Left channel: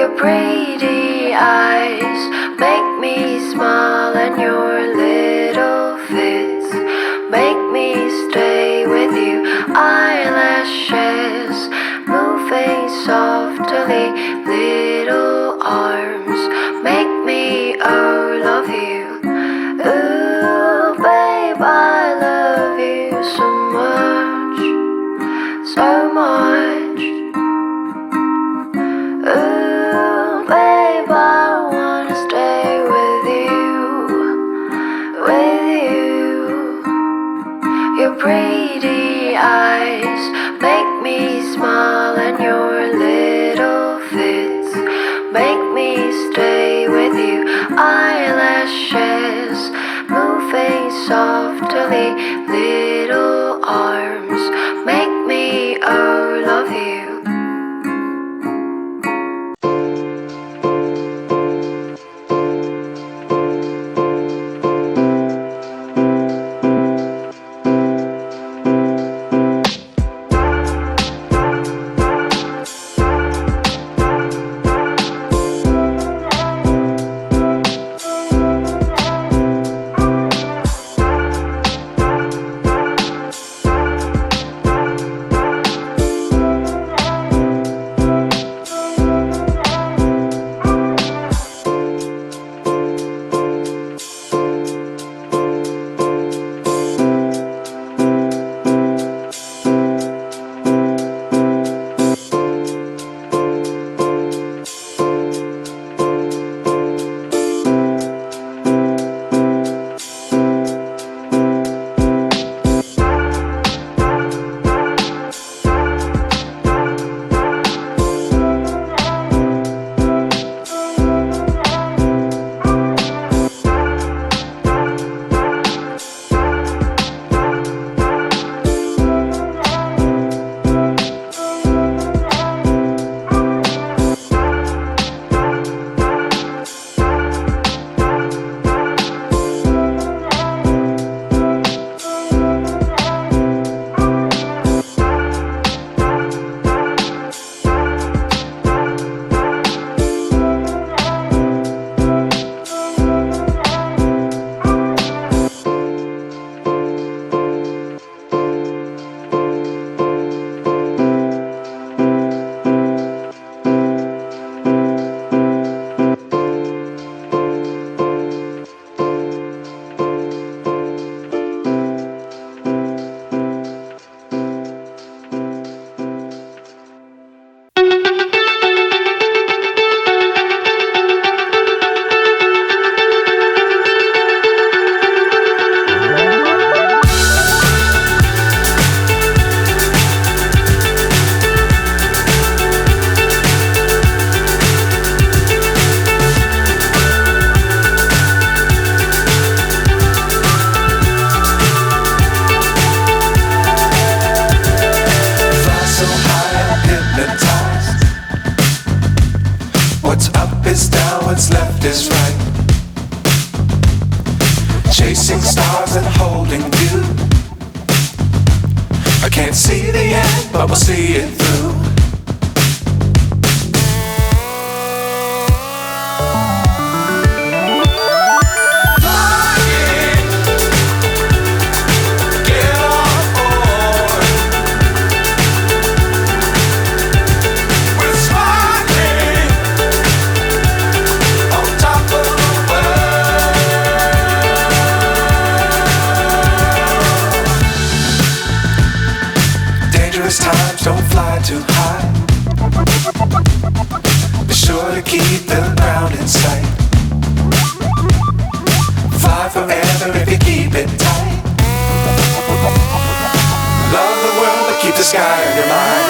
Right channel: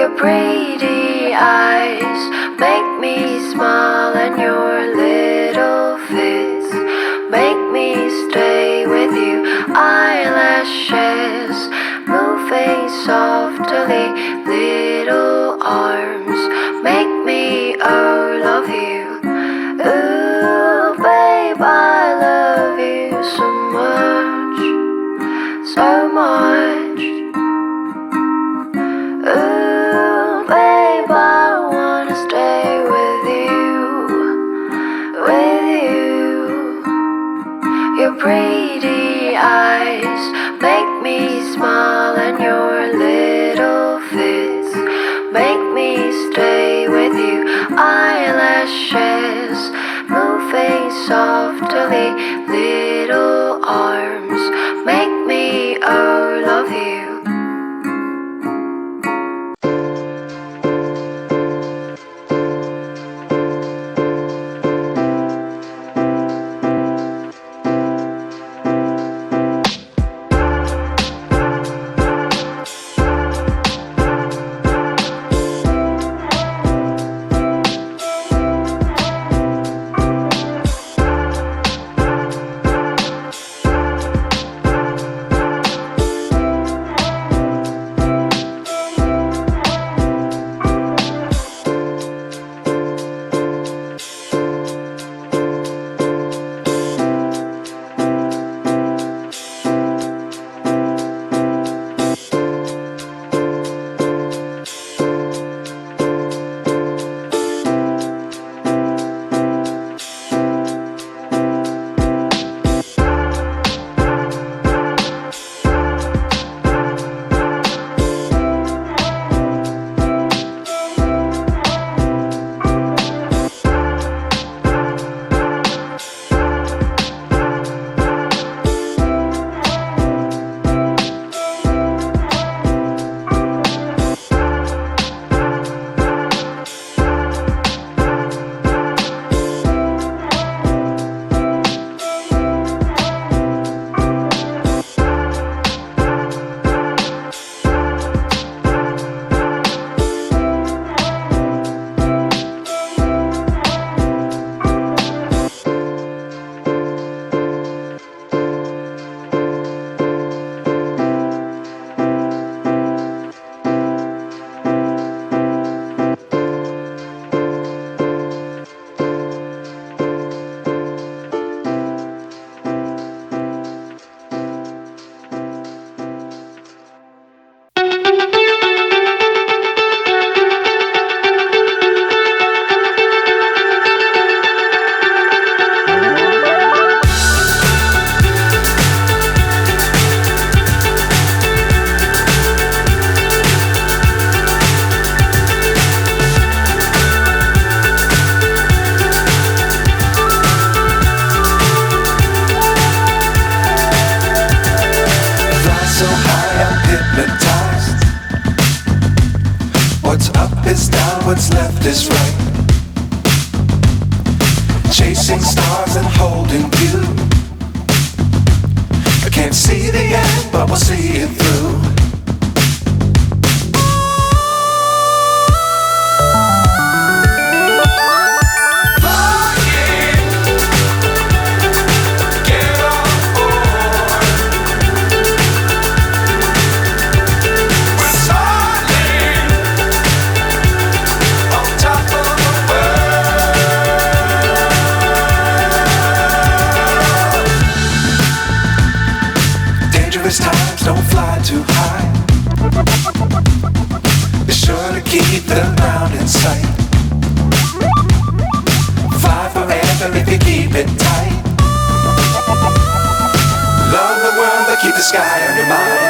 Your pretty eyes make me smile, and your little fits make me stay with you. Eyelashes moving softly, little arms make me love you. Ooh, babe, I love you so much, so much. Ooh, babe, I wanna stay with you. Your pretty eyes make me smile, and your little fits make me stay with you. Eyelashes moving softly, little arms make me love you. what's left is right. Chasing stars and holding you. I can't see the end, but we'll see it through. Times don't fly too high. Be sure to keep the ground in sight. Fly forever if you keep it tight. Love the world but keep the sky on your mind.